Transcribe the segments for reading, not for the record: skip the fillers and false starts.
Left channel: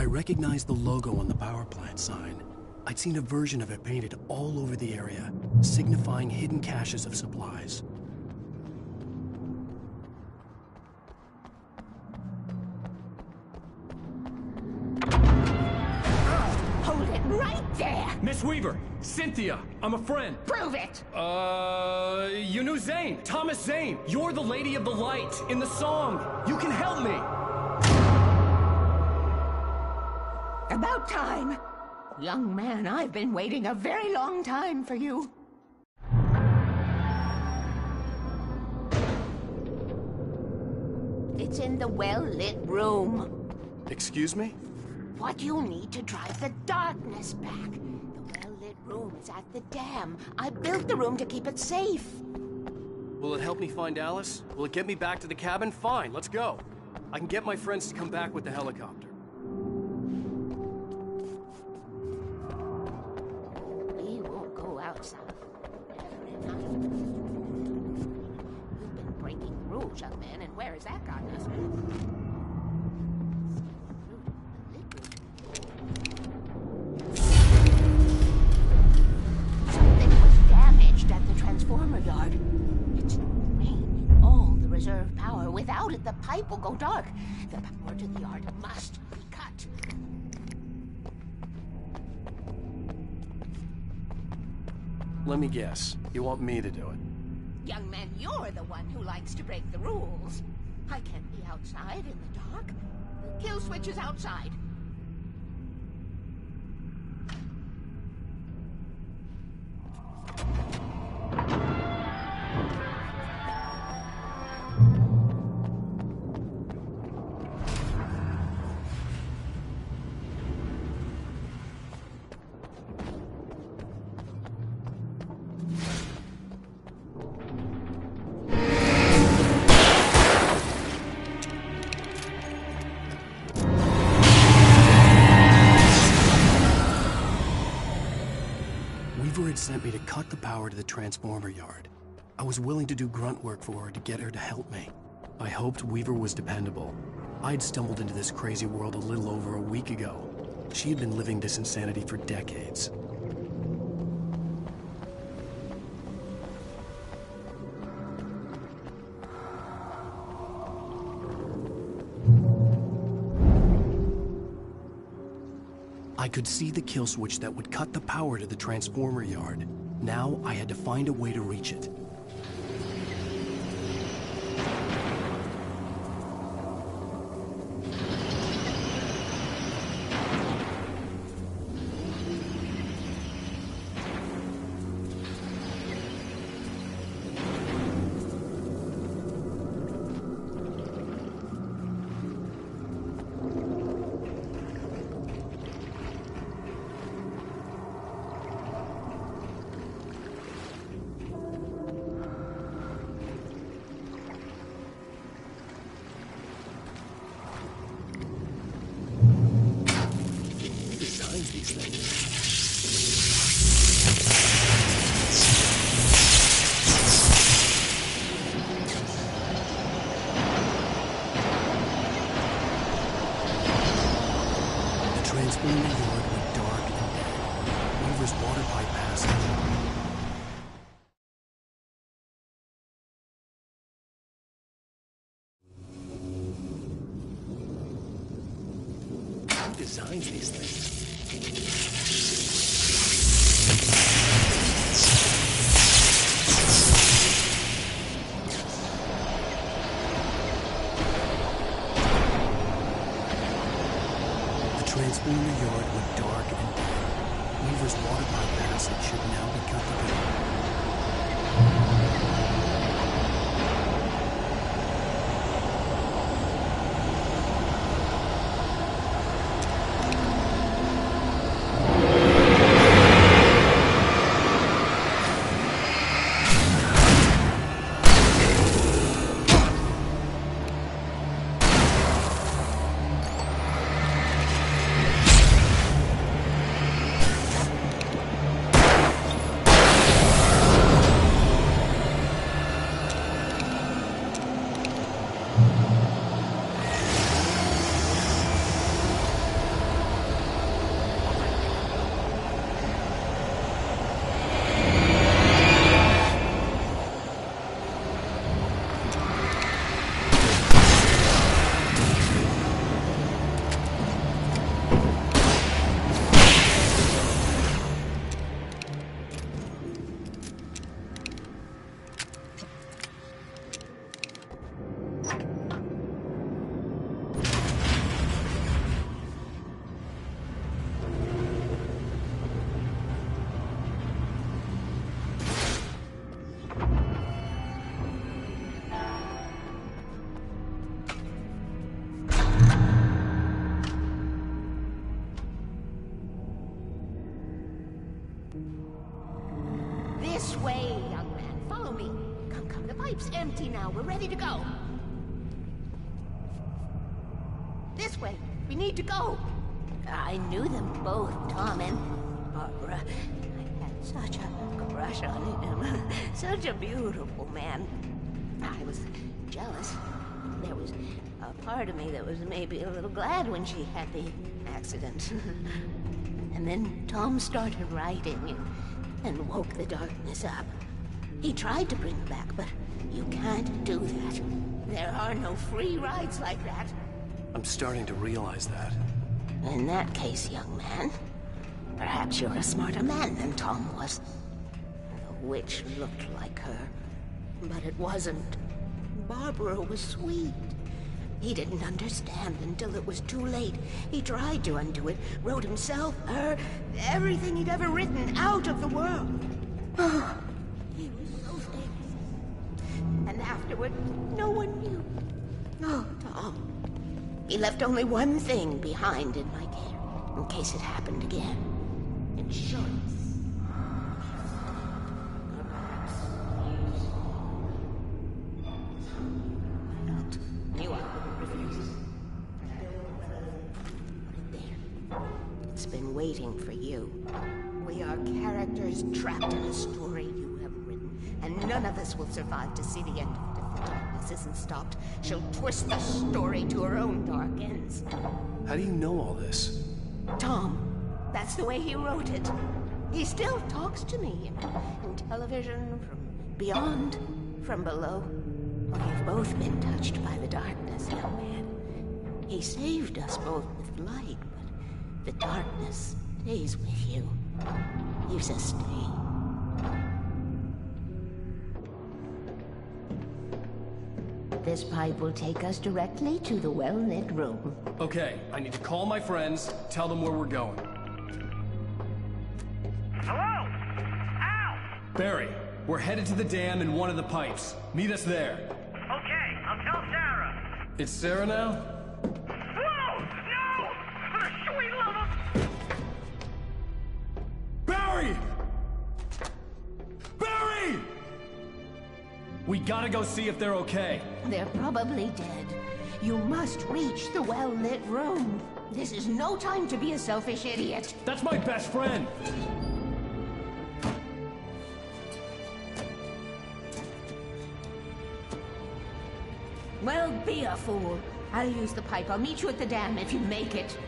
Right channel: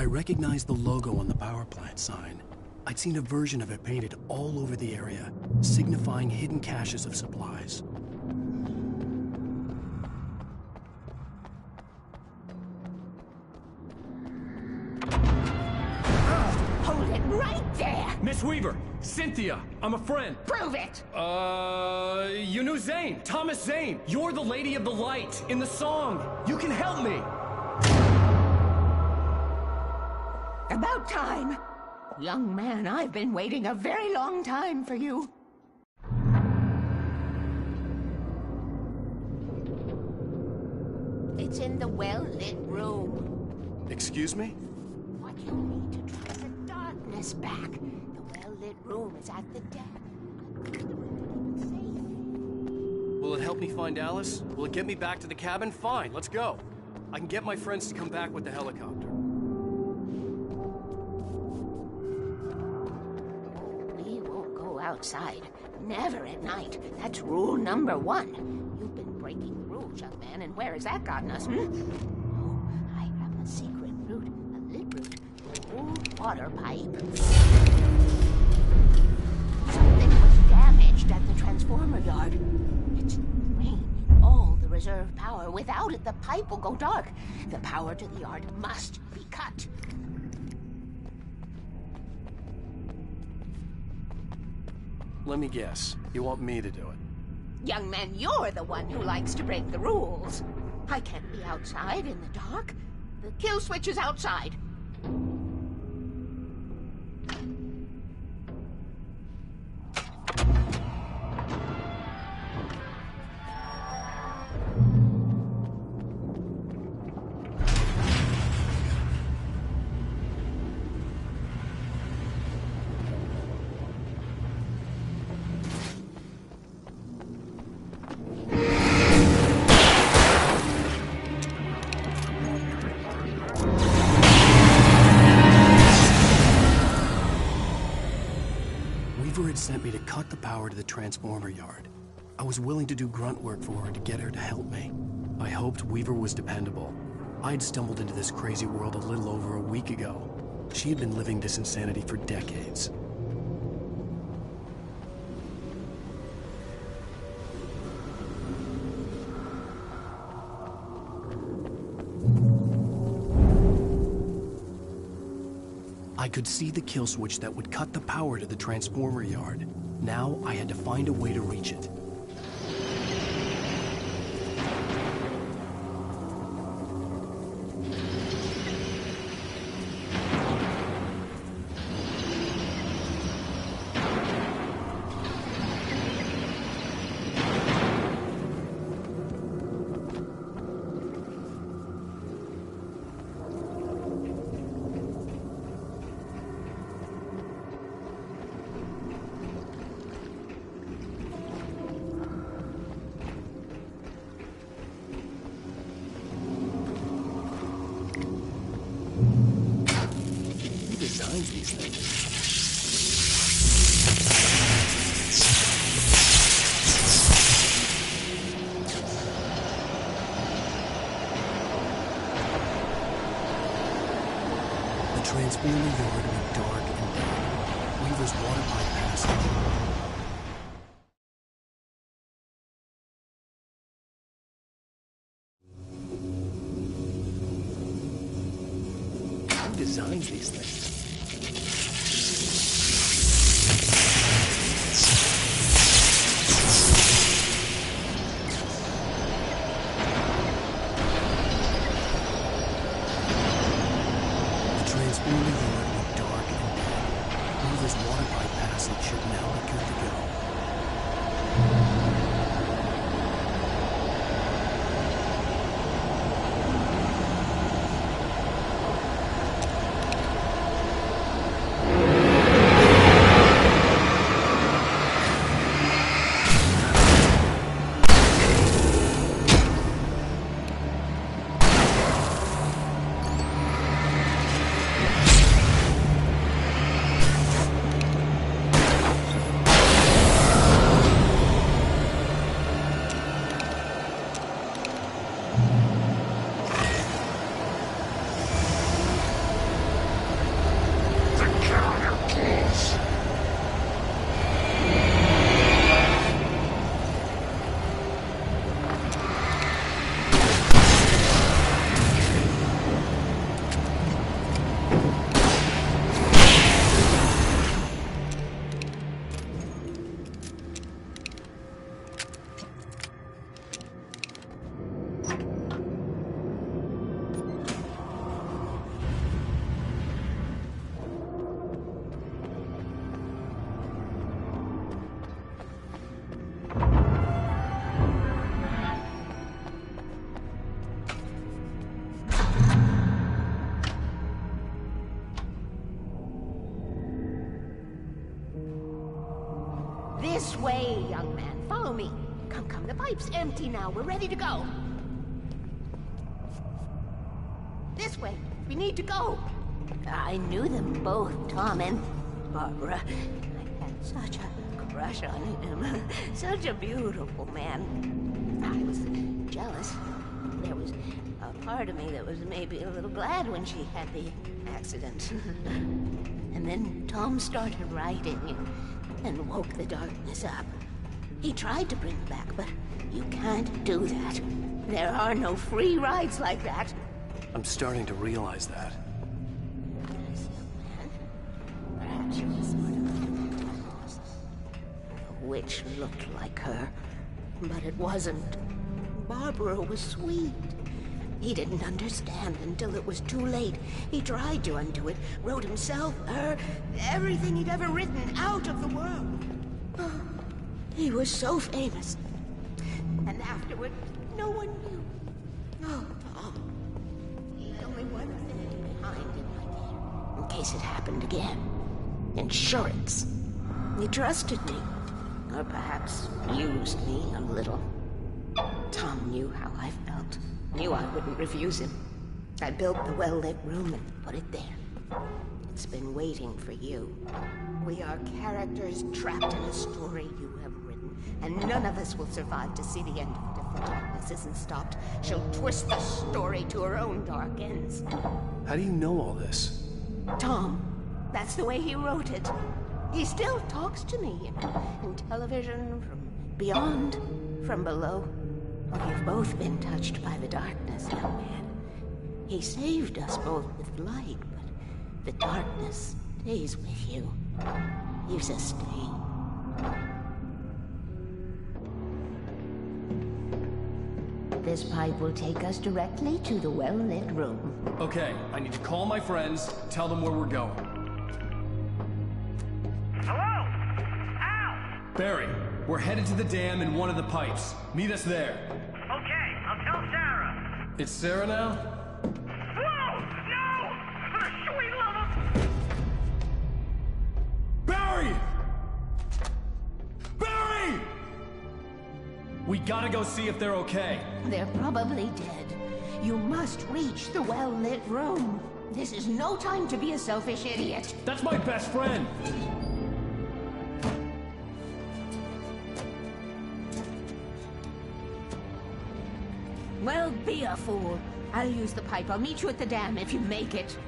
I recognized the logo on the power plant sign. I'd seen a version of it painted all over the area, signifying hidden caches of supplies. Hold it right there! Miss Weaver! Cynthia! I'm a friend! Prove it! You knew Zane! Thomas Zane! You're the Lady of the Light in the song! You can help me! About time! Young man, I've been waiting a very long time for you. It's in the well-lit room. Excuse me? What you need to drive the darkness back. The well-lit room is at the dam. I built the room to keep it safe. Will it help me find Alice? Will it get me back to the cabin? Fine, let's go. I can get my friends to come back with the helicopter. Oh, we won't go outside. Never at night. That's rule number 1. You've been breaking the rules, young man, and where has that gotten us, Oh, I have a secret route. A lit route. Old water pipe. Something was damaged at the transformer yard. It's drained all the reserve power. Without it, the pipe will go dark. The power to the yard must be cut. Let me guess. You want me to do it? Young man, you're the one who likes to break the rules. I can't be outside in the dark. The kill switch is outside. Weaver had sent me to cut the power to the transformer yard. I was willing to do grunt work for her to get her to help me. I hoped Weaver was dependable. I'd stumbled into this crazy world a little over a week ago. She had been living this insanity for decades. I could see the kill switch that would cut the power to the transformer yard. Now I had to find a way to reach it. Designs these things. The transformer yard went dark and dead. Weaver's water pipe passage. Who designs these things? The transformer yard went dark and dead. Weaver's water pipe passage should now be good to go. way, young man. Follow me. Come, come, the pipe's empty now. We're ready to go. This way. We need to go. I knew them both, Tom and Barbara. I had such a crush on him. Such a beautiful man. I was jealous. There was a part of me that was maybe a little glad when she had the accident. And then Tom started writing and woke the darkness up. He tried to bring her back, but you can't do that. There are no free rides like that. I'm starting to realize that. In that case, young man, perhaps you're a smarter man than Tom was. The witch looked like her, but it wasn't. Barbara was sweet. He didn't understand until it was too late. He tried to undo it, wrote himself, her, everything he'd ever written out of the world. Oh, he was so famous. And afterward, no one knew. Oh, Tom. He left only one thing behind in my care, in case it happened again. Insurance. He trusted me, or perhaps used me a little. Tom knew how I felt, knew I wouldn't refuse him. I built the well-lit room and put it there. It's been waiting for you. We are characters trapped in a story you have written, and none of us will survive to see the end of it if the darkness isn't stopped. She'll twist the story to her own dark ends. How do you know all this? Tom, that's the way he wrote it. He still talks to me in television, from beyond, from below. We've both been touched by the darkness, young man. He saved us both with light, but the darkness stays with you. Leaves a stain. This pipe will take us directly to the well-lit room. Okay, I need to call my friends, tell them where we're going. Hello? Al! Barry, we're headed to the dam in one of the pipes. Meet us there. Okay, I'll tell Sarah. It's Sarah now? Whoa! No! For the sweet love of... Barry! Barry! We gotta go see if they're okay. They're probably dead. You must reach the well-lit room. This is no time to be a selfish idiot. That's my best friend. Well, be a fool. I'll use the pipe. I'll meet you at the dam if you make it.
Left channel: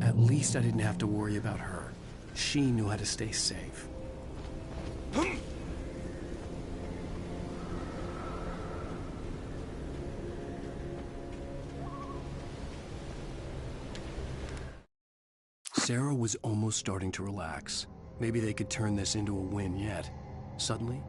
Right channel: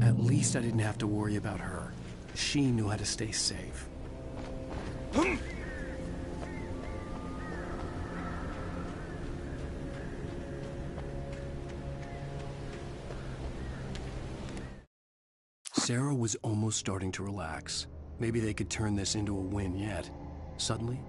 At least I didn't have to worry about her. She knew how to stay safe. Sarah was almost starting to relax. Maybe they could turn this into a win yet. Suddenly,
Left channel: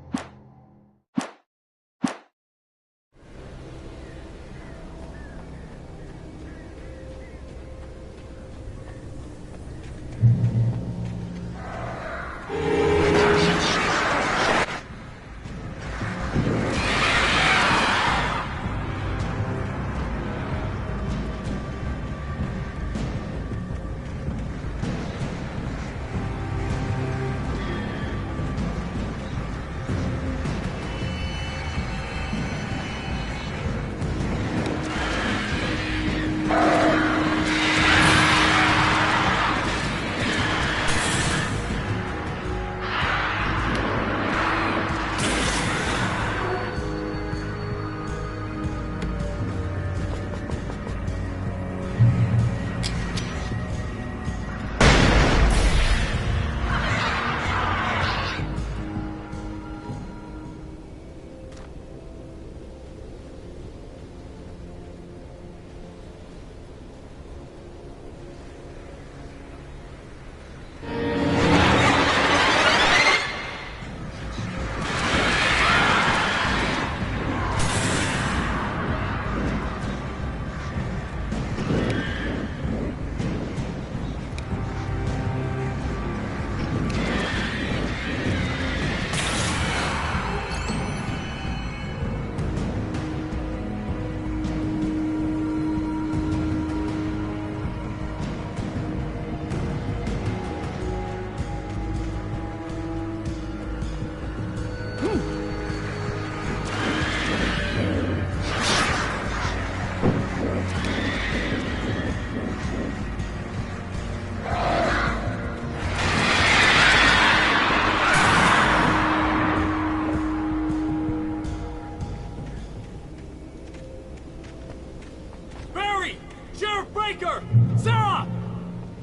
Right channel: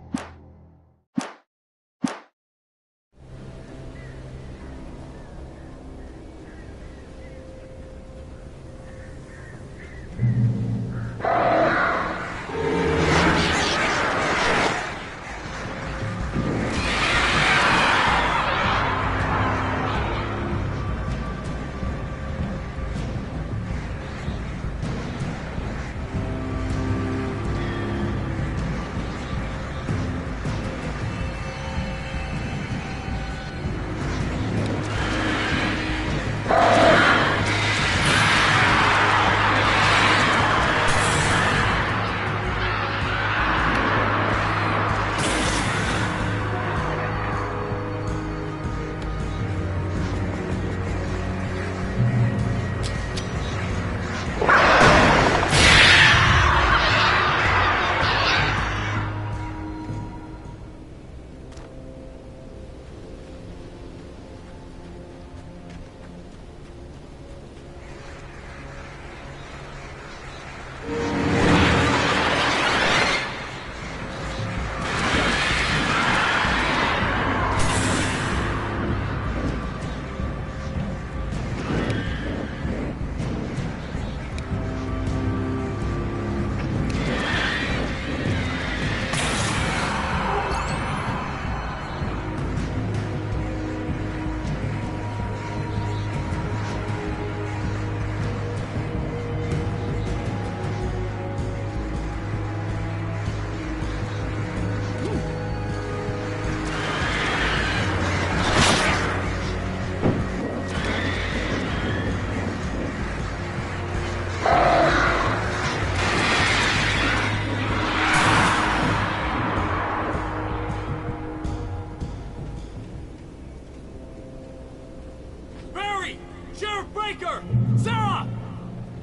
Breaker! Sarah!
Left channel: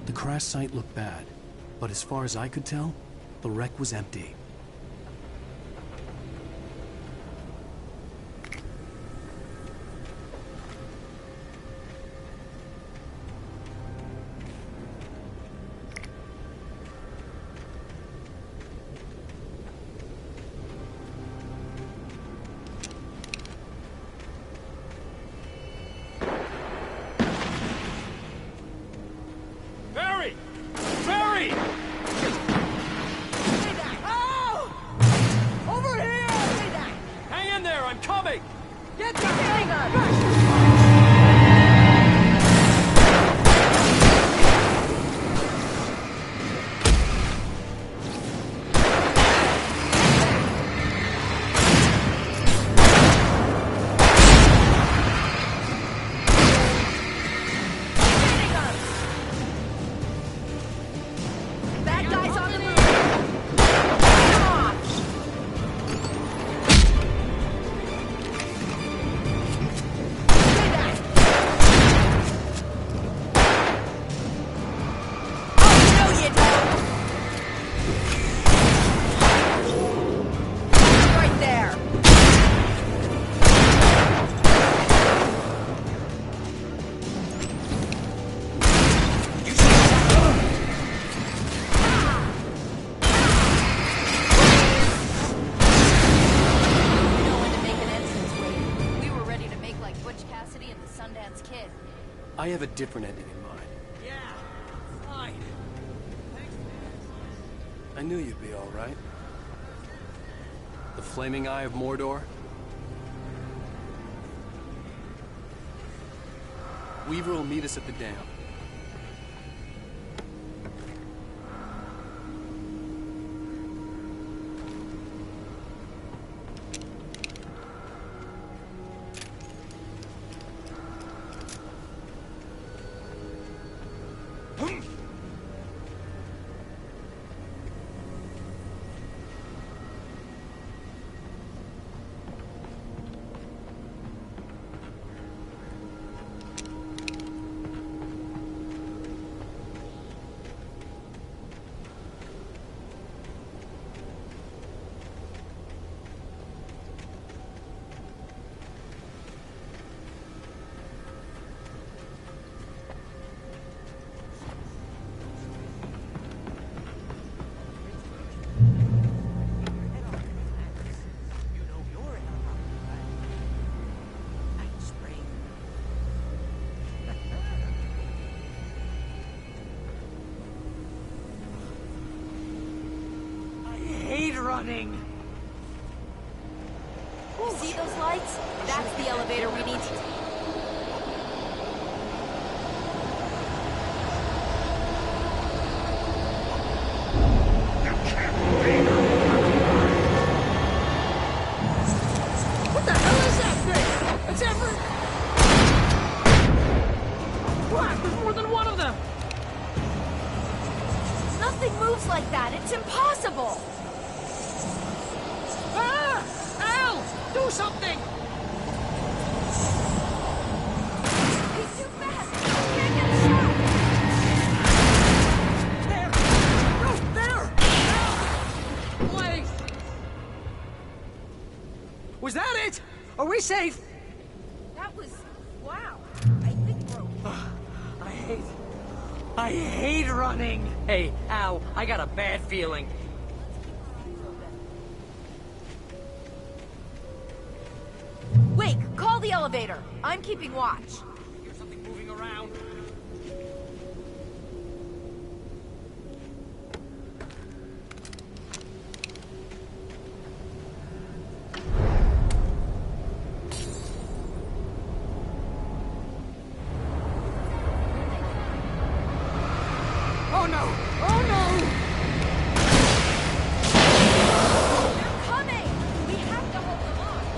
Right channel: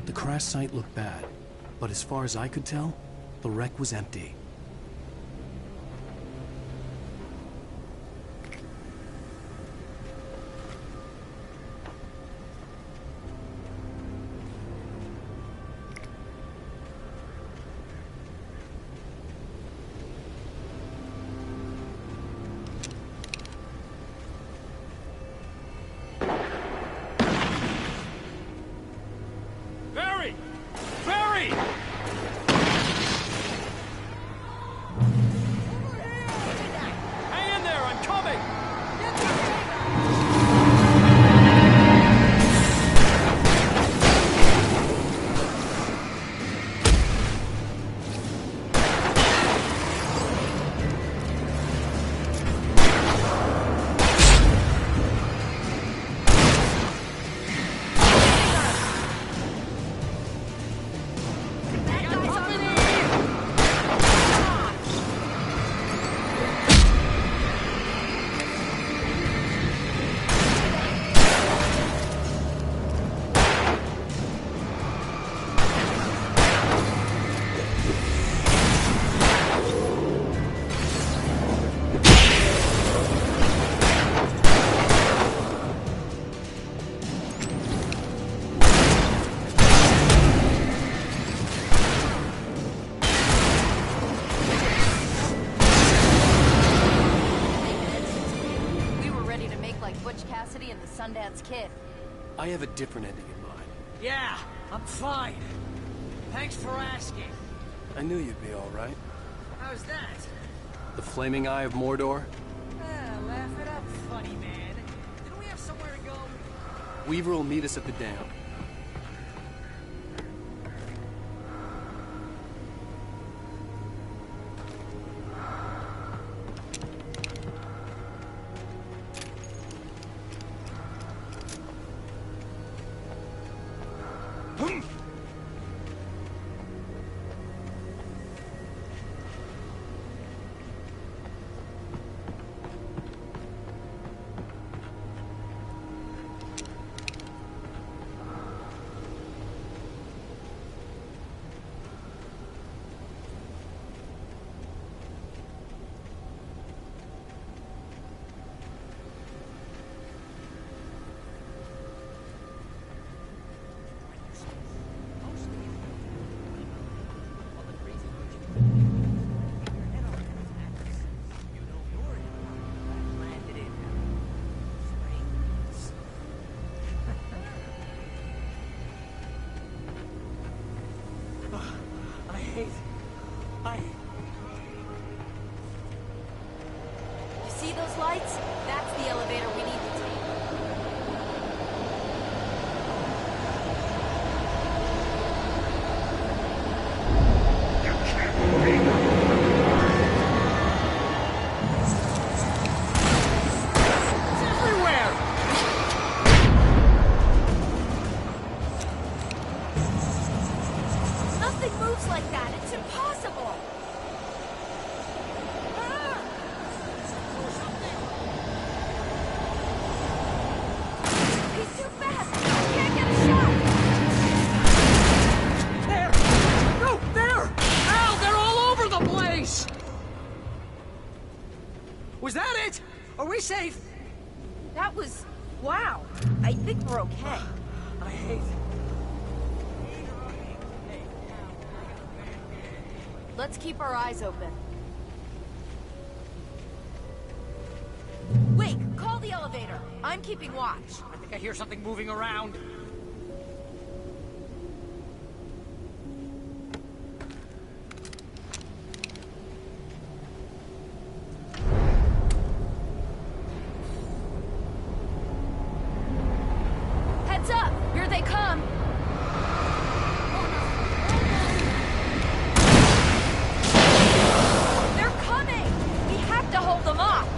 The crash site looked bad, but as far as I could tell, the wreck was empty. Barry! Barry! Over here! Hang in there, I'm coming! Get the hanger! Bad guys on the move! Right there! You know when to make an entrance wave. We were ready to make like Butch Cassidy and the Sundance Kid. I have a different ending in mind. Yeah, I'm fine. Thanks for asking. I knew you'd be all right. How's that? The Flaming Eye of Mordor? Laugh it up, funny man. Do we have somewhere to go? Weaver will meet us at the dam. You know your helicopter crash landed in Night Springs. I hate running. You see those lights? That's the elevator we need to take. What the hell is this thing? It's everywhere! Oh crap, there's more than one of them! Nothing moves like that. It's impossible. Ah! Al! Do something! He's too fast. I can't get a shot. There! No, there! Al, they're all over the place! Was that it? Are we safe? That was... wow. I think we're okay. I hate running. Hey, Al, I got a bad feeling. Let's keep our eyes open. Wake, call the elevator. I'm keeping watch. I think I hear something moving around. Heads up! Here they come! Oh no! Oh no! They're coming! We have to hold them off!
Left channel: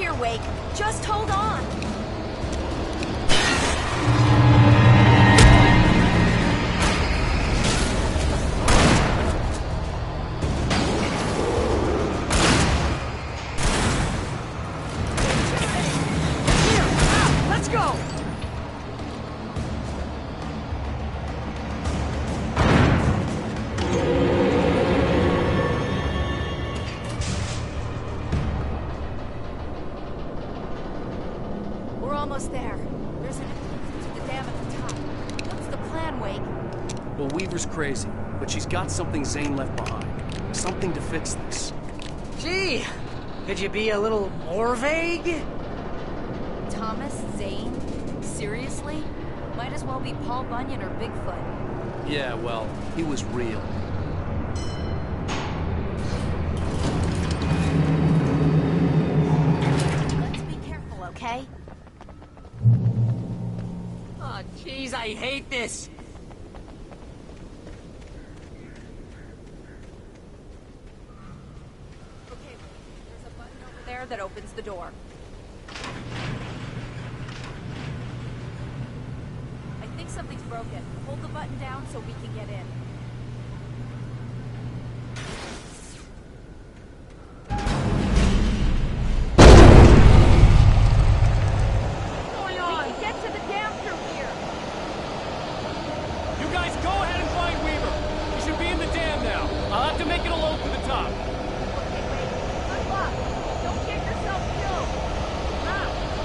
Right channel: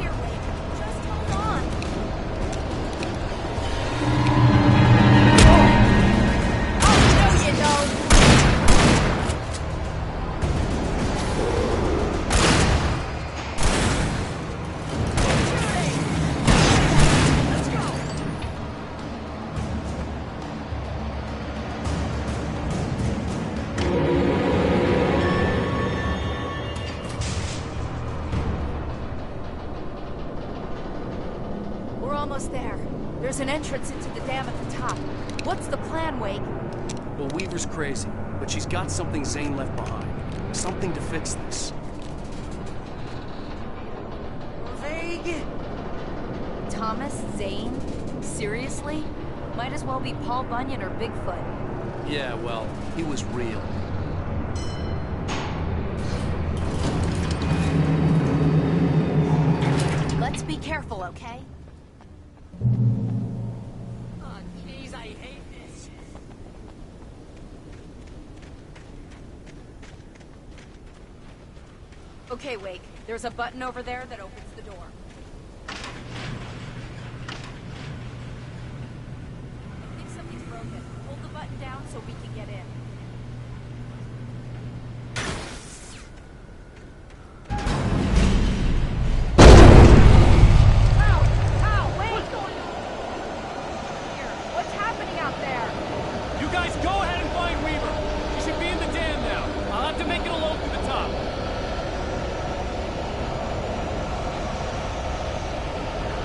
here, Wake. Just hold on. Let's go! We're almost there. There's an entrance into the dam at the top. What's the plan, Wake? Well, Weaver's crazy, but she's got something Zane left behind. Something to fix this. Gee, could you be a little more vague? Thomas Zane? Seriously? Might as well be Paul Bunyan or Bigfoot. Yeah, well, he was real. Let's be careful, okay? Oh, jeez, I hate this. Okay, Wake. There's a button over there that opens the door. I think something's broken. Hold the button down so we can get in. What's going on? We can get to the dam through here. What's happening out there? You guys go ahead and find Weaver. She should be in the dam now. I'll have to make it alone through the top. Okay, Wake. Good luck. Don't get yourself killed.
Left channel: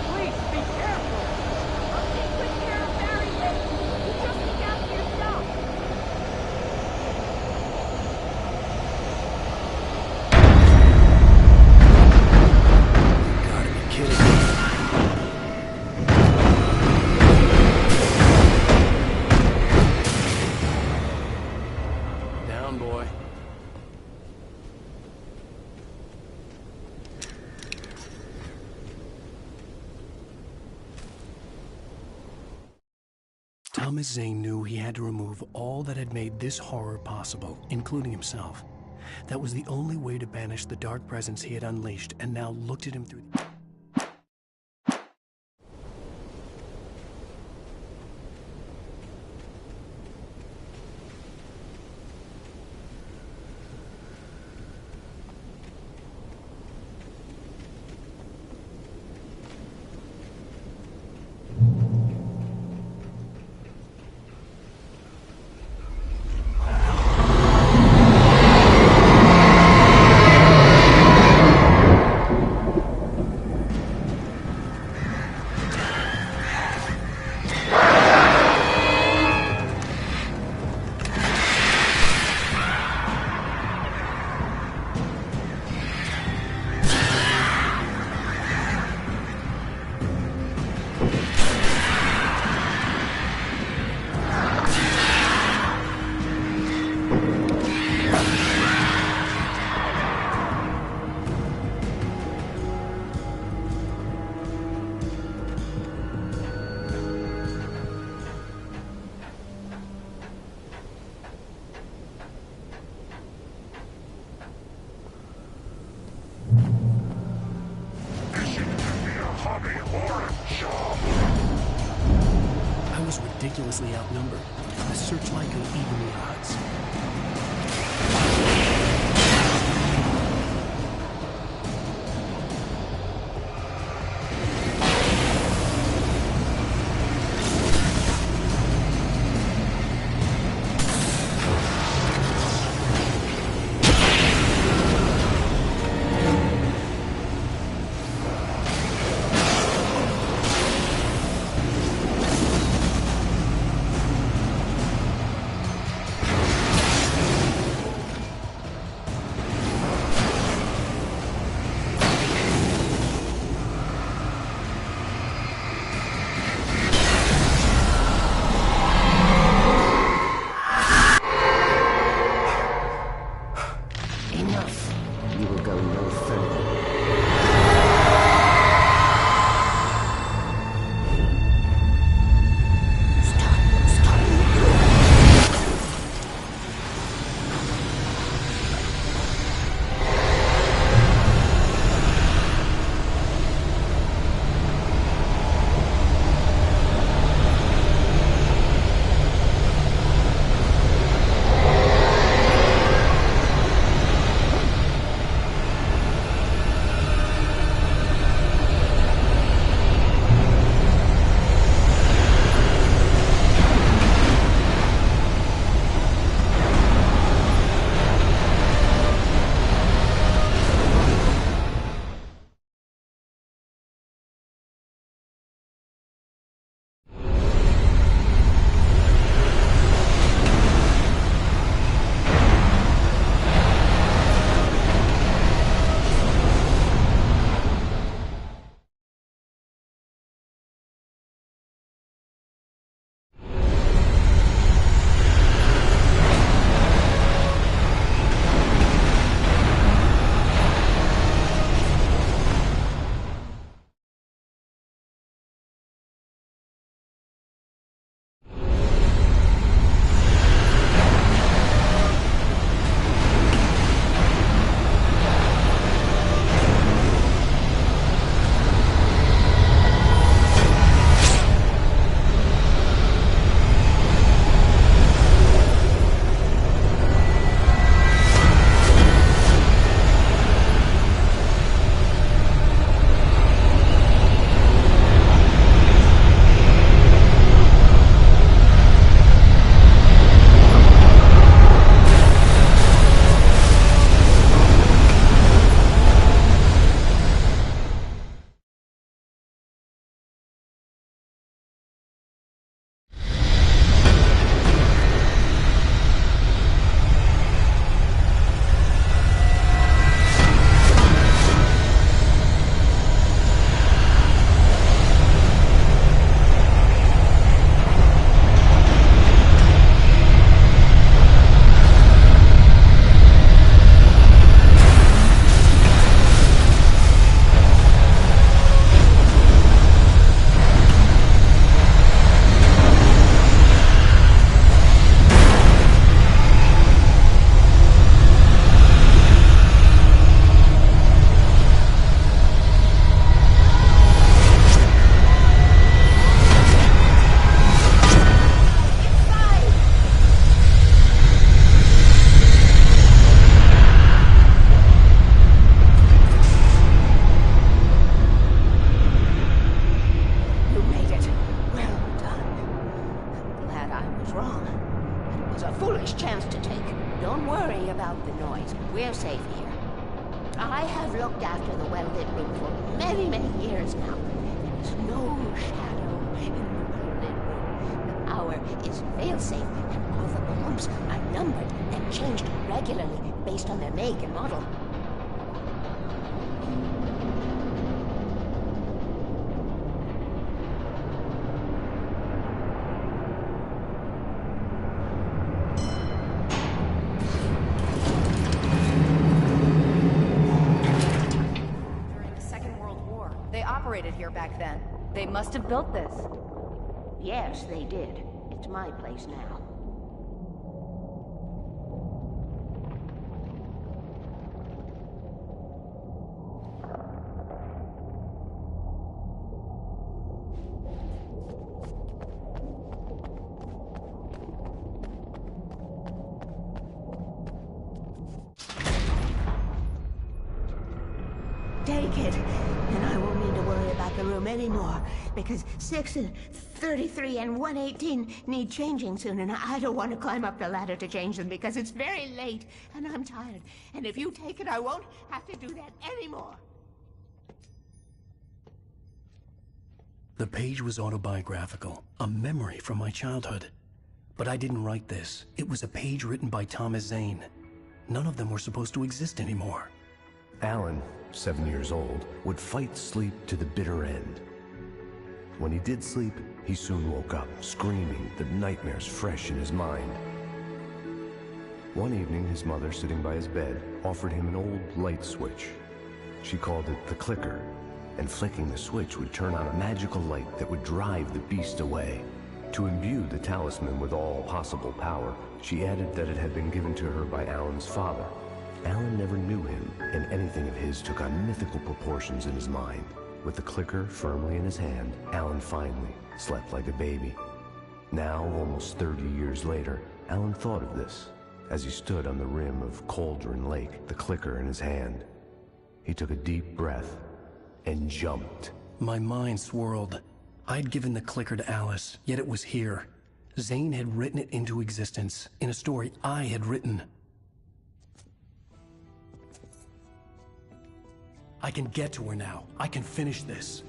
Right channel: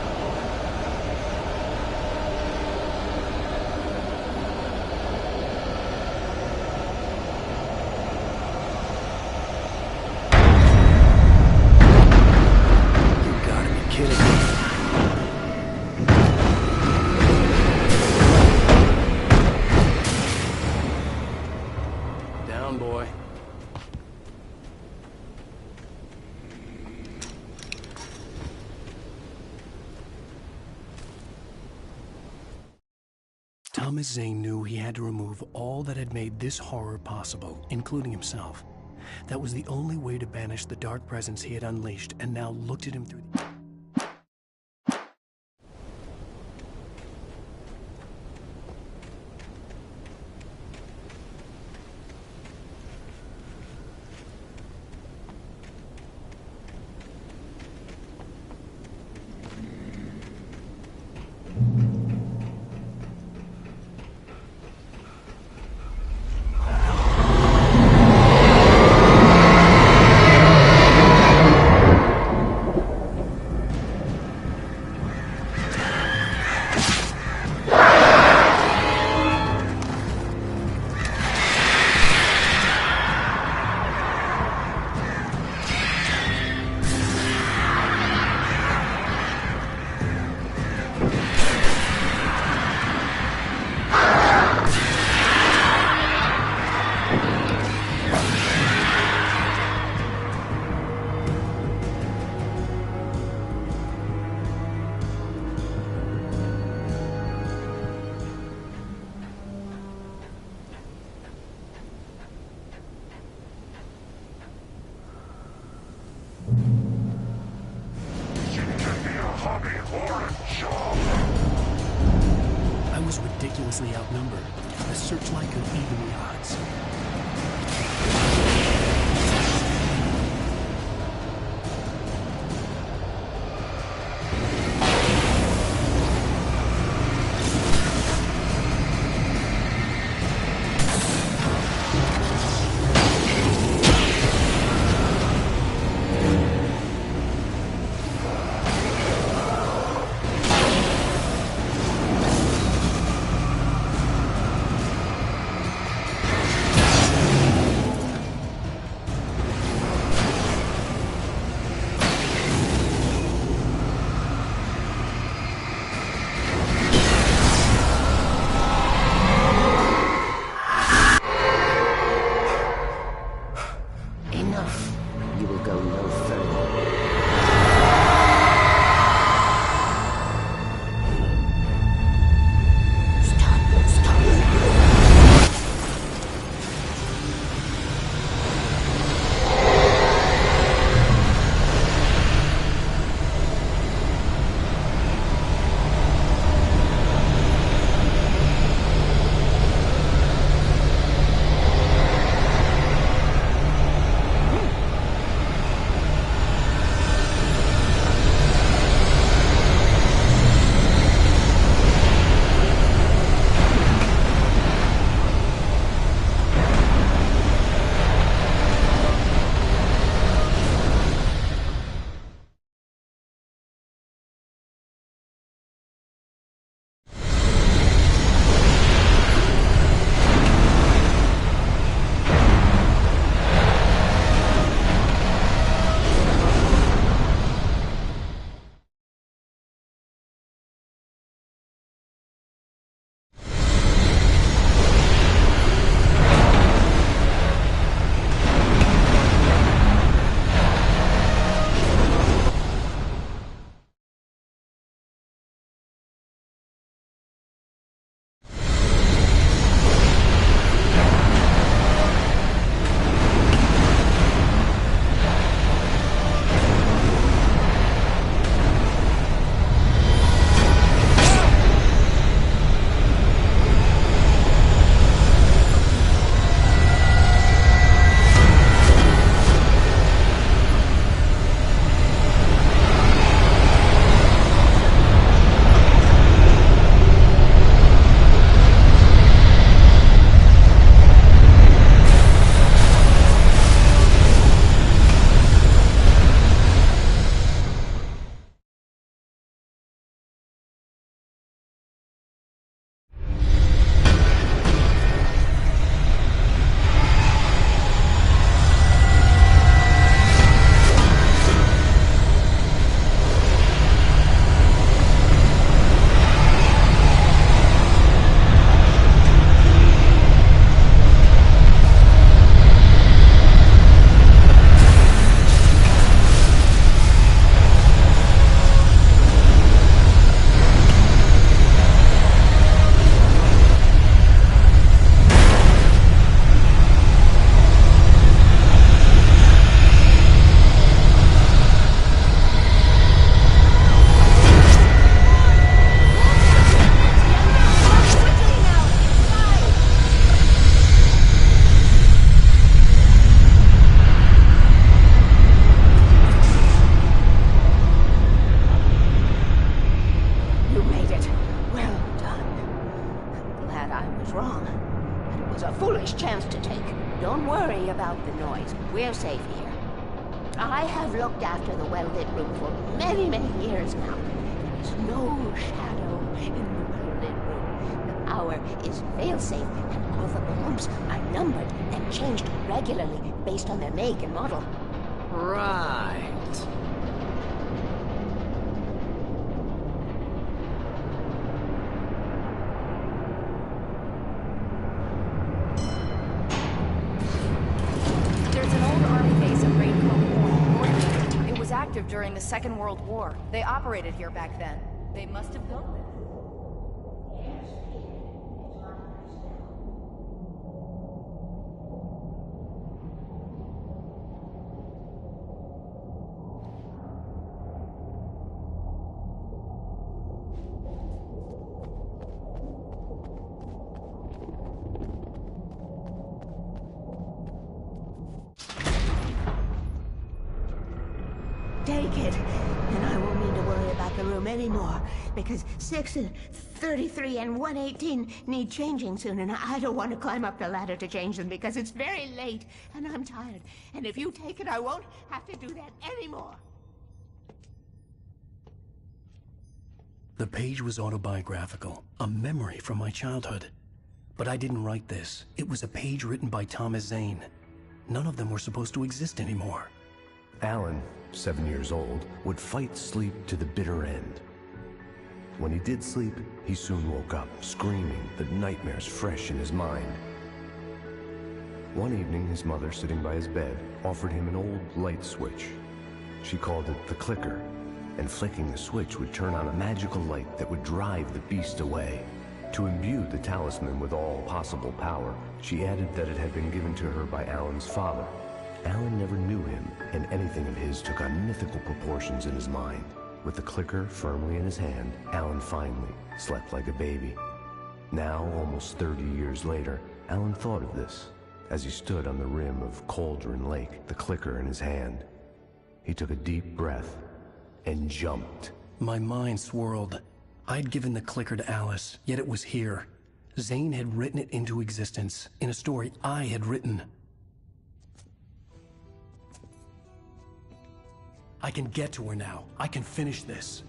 Please, be careful. I'll take good care of Barry, Wake. You just look after yourself. You gotta be kidding me. Down, boy. Thomas Zane knew he had to remove all that had made this horror possible, including himself. That was the only way to banish the dark presence he had unleashed and now looked at him through the... I was ridiculously outnumbered. The searchlight could even the odds. Enough. You will go no further. Stop now. looked after the well-lit room for many, many years now. There is no shadow in the well-lit room. The power is fail-safe, and all the bulbs are numbered and changed regularly based on their make and model. Right. It was active during the Second World War. They operated here back then. They must have built this. Yes, they did. It's my place now. Take it, and I won't need to worry about the room anymore, because 6 and 33 and 118 need changing soon, and I don't want to climb up the ladder to change them because it's very late, and I'm tired. And if you take it, I won't have to do that anymore. The page was autobiographical, a memory from my childhood. But I didn't write this. It was a page written by Thomas Zane. None of them were supposed to exist anymore. Alan, 7 years old, would fight sleep to the bitter end. When he did sleep, he soon woke up, screaming, the nightmares fresh in his mind. One evening, his mother, sitting by his bed, offered him an old light switch. She called it the clicker, and flicking the switch would turn on a magical light that would drive the beast away. To imbue the talisman with all possible power, she added that it had been given to her by Alan's father. Alan never knew him, and anything of his took on mythical proportions in his mind. With the clicker firmly in his hand, Alan finally slept like a baby. Now, almost 30 years later, Alan thought of this as he stood on the rim of Cauldron Lake, the clicker in his hand. He took a deep breath and jumped. My mind swirled. I'd given the clicker to Alice, yet it was here. Zane had written it into existence, in a story I had written. I can get to her now. I can finish this.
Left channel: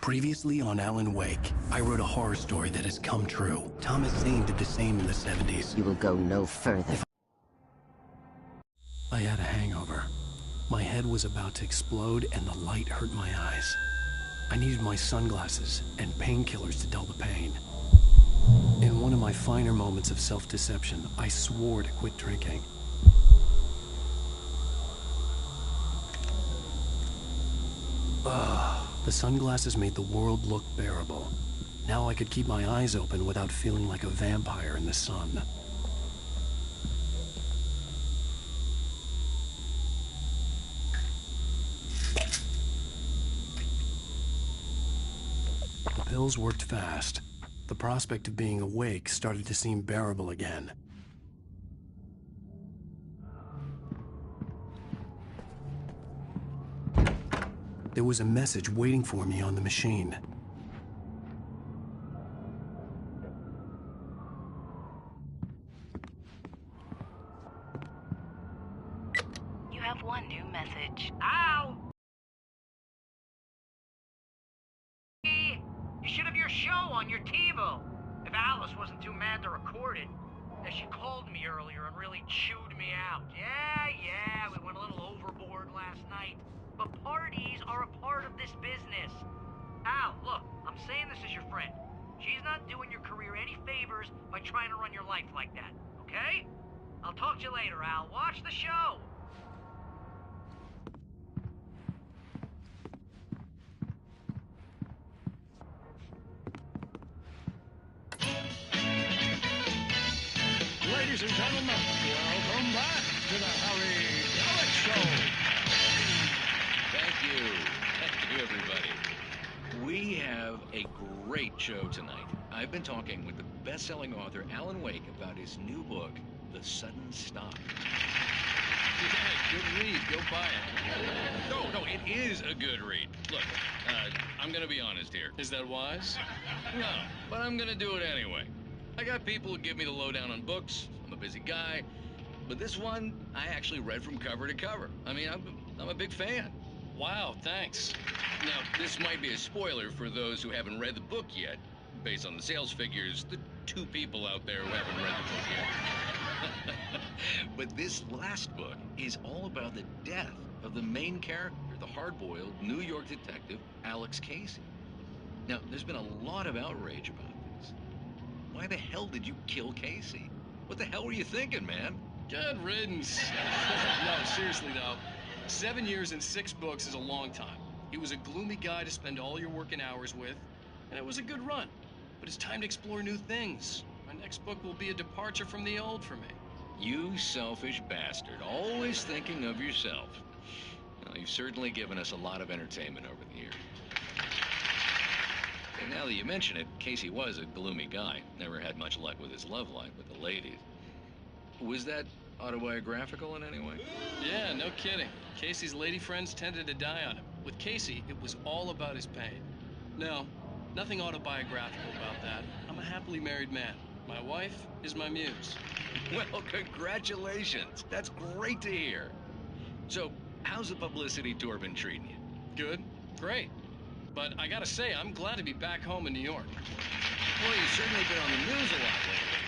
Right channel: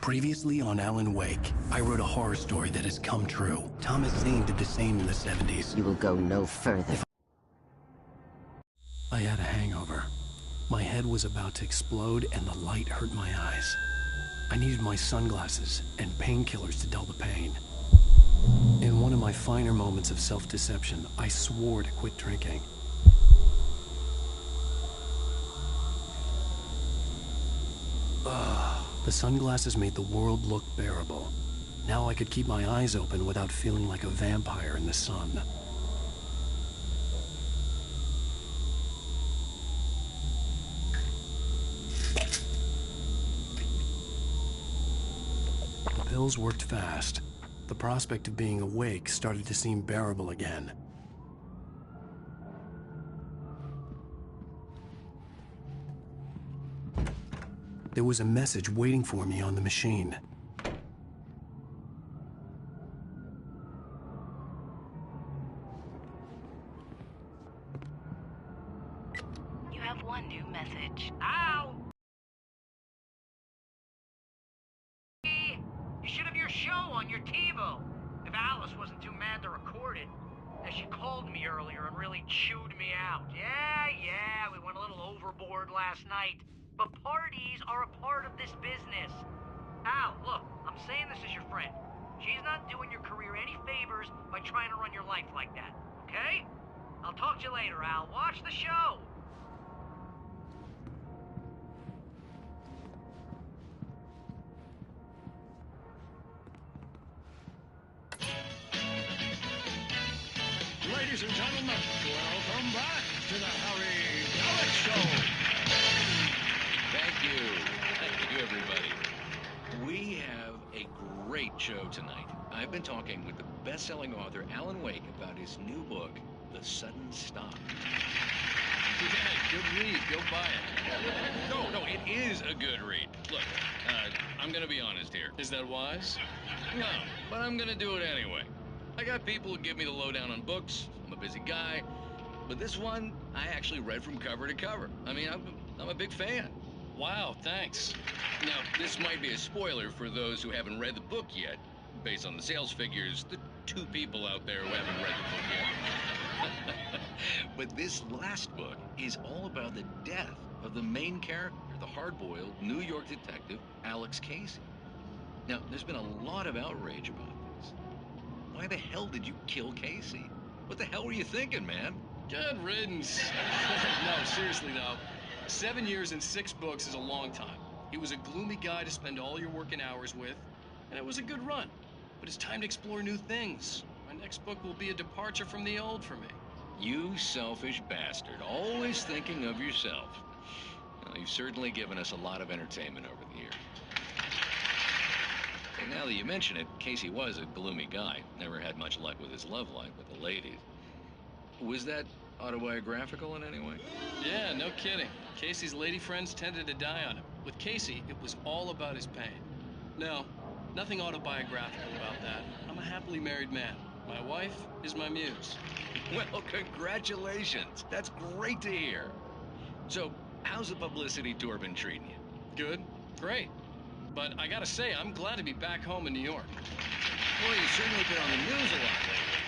Previously on Alan Wake, I wrote a horror story that has come true. Thomas Zane did the same in the 70s. You will go no further. I had a hangover. My head was about to explode and the light hurt my eyes. I needed my sunglasses and painkillers to dull the pain. In one of my finer moments of self-deception, I swore to quit drinking. The sunglasses made the world look bearable. Now I could keep my eyes open without feeling like a vampire in the sun. The pills worked fast. The prospect of being awake started to seem bearable again. There was a message waiting for me on the machine. You have one new message. Ow! You should have your show on your TiVo. If Alice wasn't too mad to record it. As she called me earlier and really chewed me out. Yeah, we went a little overboard last night. But parties are a part of this business. Al, look, I'm saying this as your friend. She's not doing your career any favors by trying to run your life like that, okay? I'll talk to you later, Al. Watch the show. Ladies and gentlemen, welcome back to the Harry Dalit Show. Thank you, everybody. We have a great show tonight. I've been talking with the best-selling author Alan Wake about his new book, The Sudden Stop. Yeah, good read. Go buy it. No, it is a good read. Look, I'm gonna be honest here. Is that wise? No, but I'm gonna do it anyway. I got people who give me the lowdown on books. I'm a busy guy. But this one, I actually read from cover to cover. I mean, I'm a big fan. Wow, thanks. Now, this might be a spoiler for those who haven't read the book yet. Based on the sales figures, the 2 people out there who haven't read the book yet. But this last book is all about the death of the main character, the hard-boiled New York detective, Alex Casey. Now, there's been a lot of outrage about this. Why the hell did you kill Casey? What the hell were you thinking, man? Good riddance. No, seriously though. 7 years and 6 books is a long time. He was a gloomy guy to spend all your working hours with, and it was a good run. But it's time to explore new things. My next book will be a departure from the old for me. You selfish bastard, always thinking of yourself. Well, you've certainly given us a lot of entertainment over the years. And now that you mention it, Casey was a gloomy guy. Never had much luck with his love life with the ladies. Was that autobiographical in any way? Yeah, no kidding. Casey's lady friends tended to die on him. With Casey, it was all about his pain. No, nothing autobiographical about that. I'm a happily married man. My wife is my muse. Well, congratulations. That's great to hear. So, how's the publicity tour been treating you? Good. Great. But I gotta say, I'm glad to be back home in New York. Well, you've certainly been on the news a lot lately.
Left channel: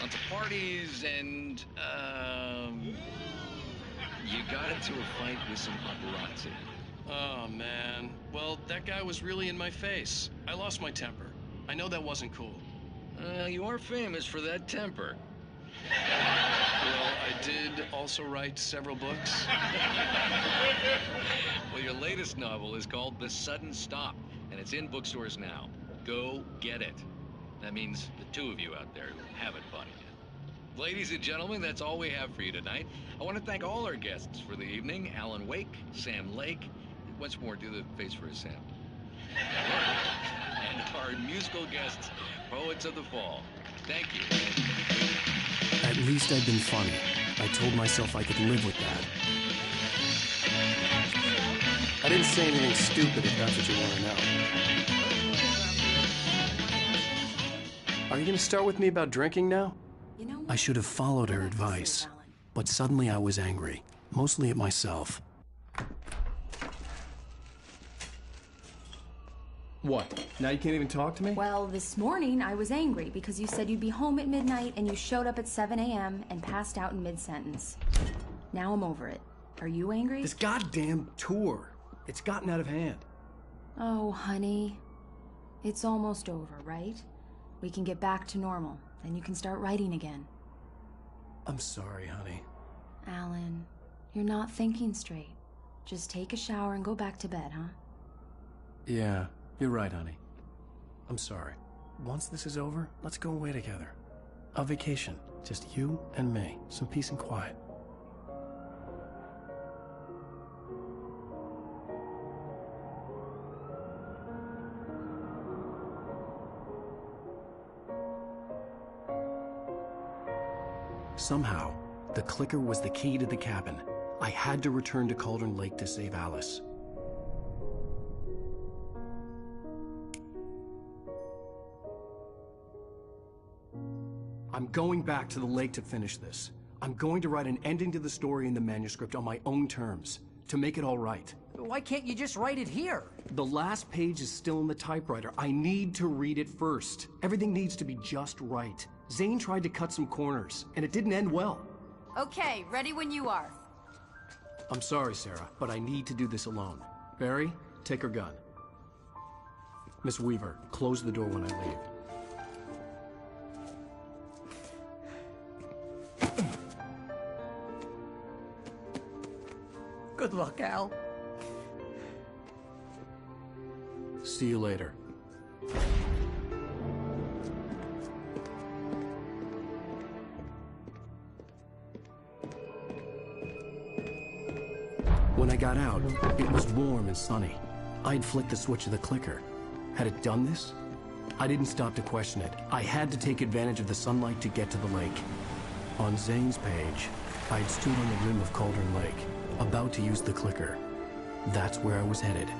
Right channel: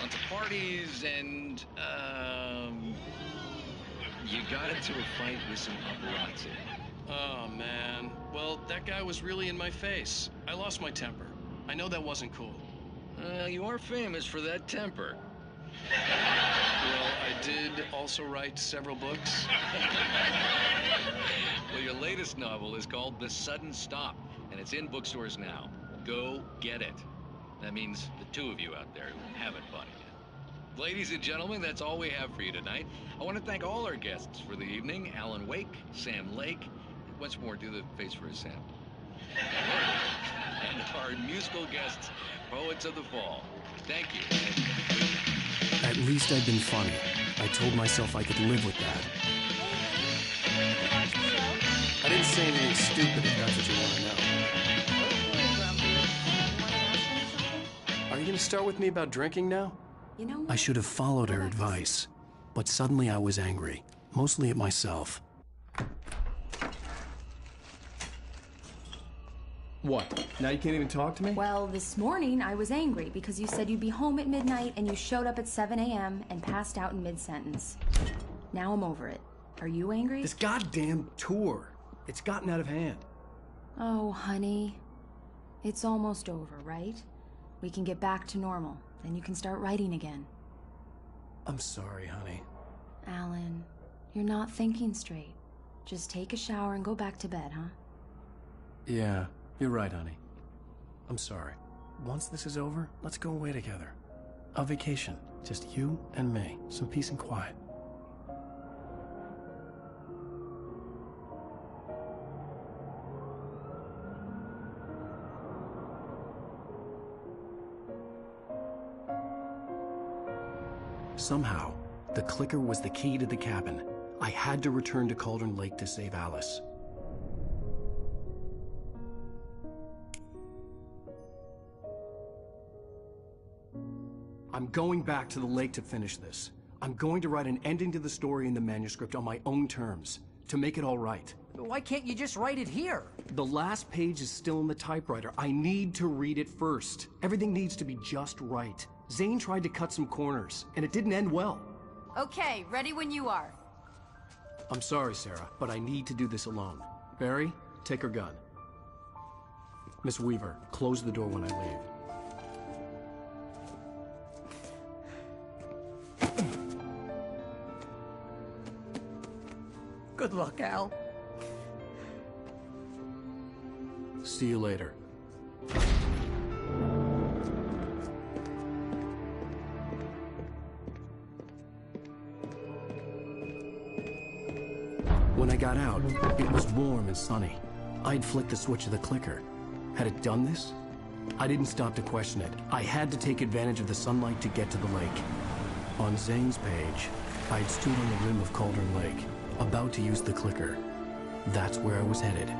Lots of parties and, you got into a fight with some paparazzi. Oh, man. Well, that guy was really in my face. I lost my temper. I know that wasn't cool. You are famous for that temper. Well, I did also write several books. Well, your latest novel is called The Sudden Stop, and it's in bookstores now. Go get it. That means the 2 of you out there who haven't bought it yet. Ladies and gentlemen, that's all we have for you tonight. I want to thank all our guests for the evening. Alan Wake, Sam Lake. Once more, do the face for a Sam. And our musical guests, Poets of the Fall. Thank you. At least I'd been funny. I told myself I could live with that. I didn't say anything stupid if that's what you want to know. Are you going to start with me about drinking now? You know what? I should have followed her advice, but suddenly I was angry, mostly at myself. What? Now you can't even talk to me? Well, this morning I was angry because you said you'd be home at midnight and you showed up at 7 a.m. and passed out in mid-sentence. Now I'm over it. Are you angry? This goddamn tour. It's gotten out of hand. Oh, honey. It's almost over, right? We can get back to normal. Then you can start writing again. I'm sorry, honey. Alan, you're not thinking straight. Just take a shower and go back to bed, huh? Yeah, you're right, honey. I'm sorry. Once this is over, let's go away together. A vacation. Just you and me. Some peace and quiet. Somehow, the clicker was the key to the cabin. I had to return to Cauldron Lake to save Alice. I'm going back to the lake to finish this. I'm going to write an ending to the story in the manuscript on my own terms, to make it all right. Why can't you just write it here? The last page is still in the typewriter. I need to read it first. Everything needs to be just right. Zane tried to cut some corners, and it didn't end well. Okay, ready when you are. I'm sorry, Sarah, but I need to do this alone. Barry, take her gun. Miss Weaver, close the door when I leave. Good luck, Al. See you later. When I got out, it was warm and sunny. I'd flicked the switch of the clicker. Had it done this? I didn't stop to question it. I had to take advantage of the sunlight to get to the lake. On Zane's page, I'd stood on the rim of Cauldron Lake, about to use the clicker. That's where I was headed.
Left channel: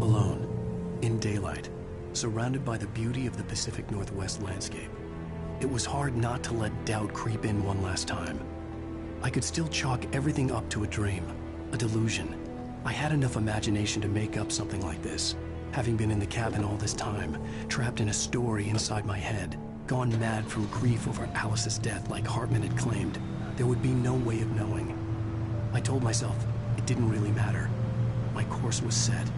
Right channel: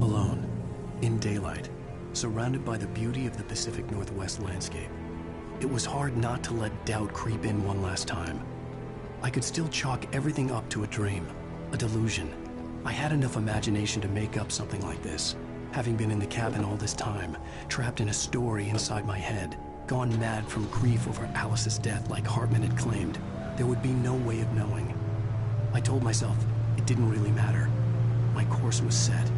Alone, in daylight, surrounded by the beauty of the Pacific Northwest landscape. It was hard not to let doubt creep in one last time. I could still chalk everything up to a dream, a delusion. I had enough imagination to make up something like this, having been in the cabin all this time, trapped in a story inside my head, gone mad from grief over Alice's death like Hartman had claimed. There would be no way of knowing. I told myself it didn't really matter. My course was set.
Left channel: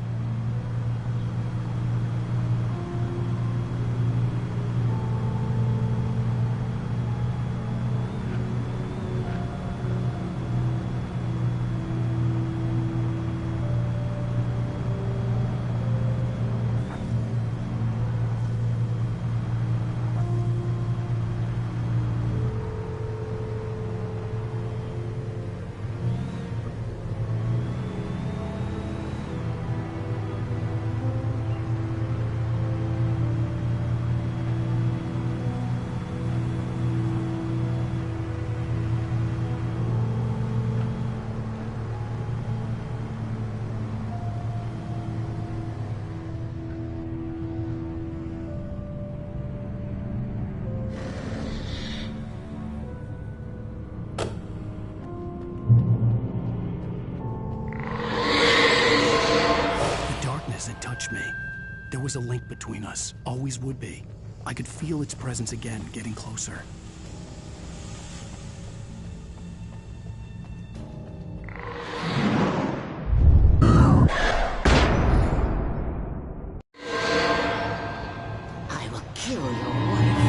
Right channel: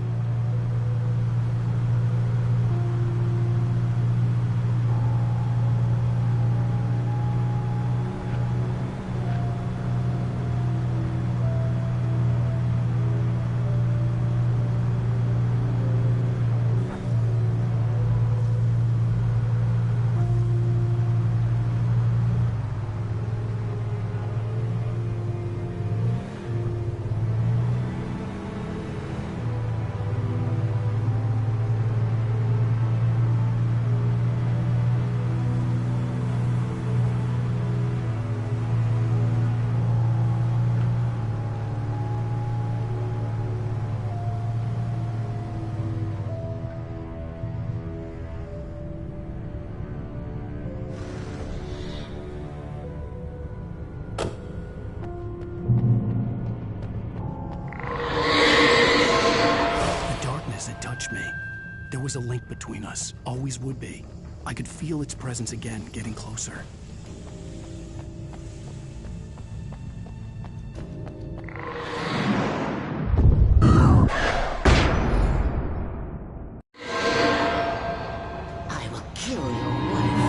It touched me. There was a link between us, always would be. I could feel its presence again, getting closer. I will kill your wife.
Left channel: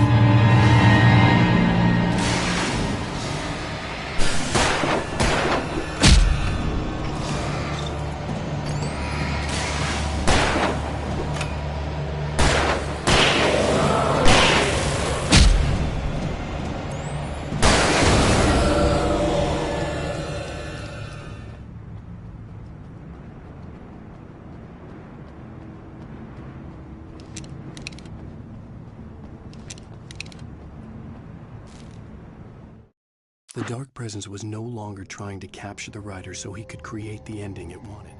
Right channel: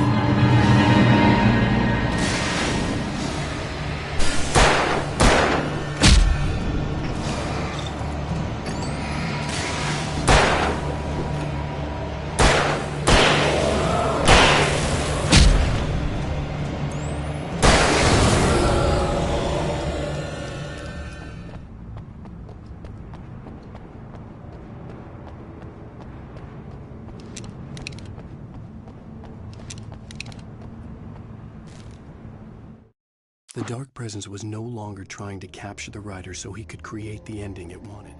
The Dark Presence was no longer trying to capture the writer so he could create the ending it wanted.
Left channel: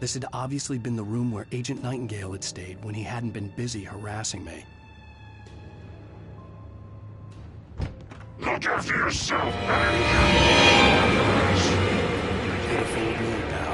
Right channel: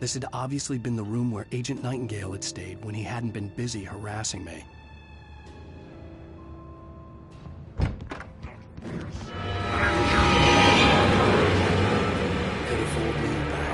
This had obviously been the room where Agent Nightingale had stayed when he hadn't been busy harassing me. Look after yourself and your could have fooled me, pal.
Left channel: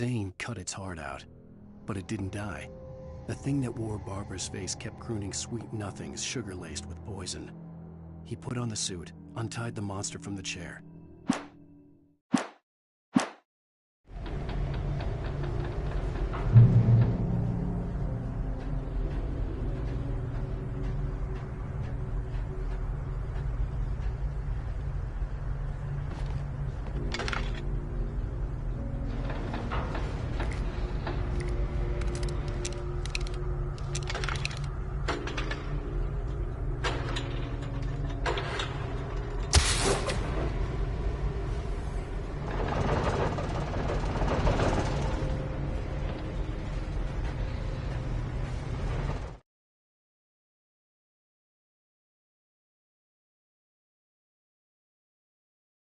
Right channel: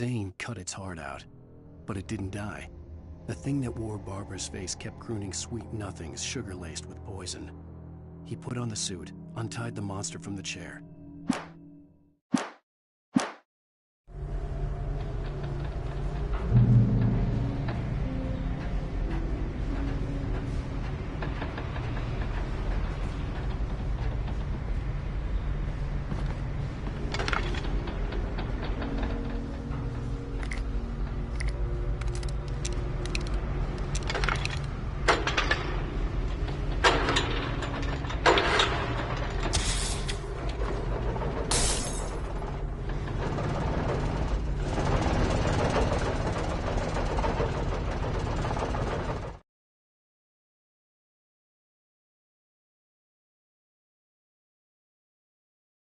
Zane cut its heart out, but it didn't die. The thing that wore Barbara's face kept crooning sweet nothings sugar-laced with poison. He put on the suit, untied the monster from the chair,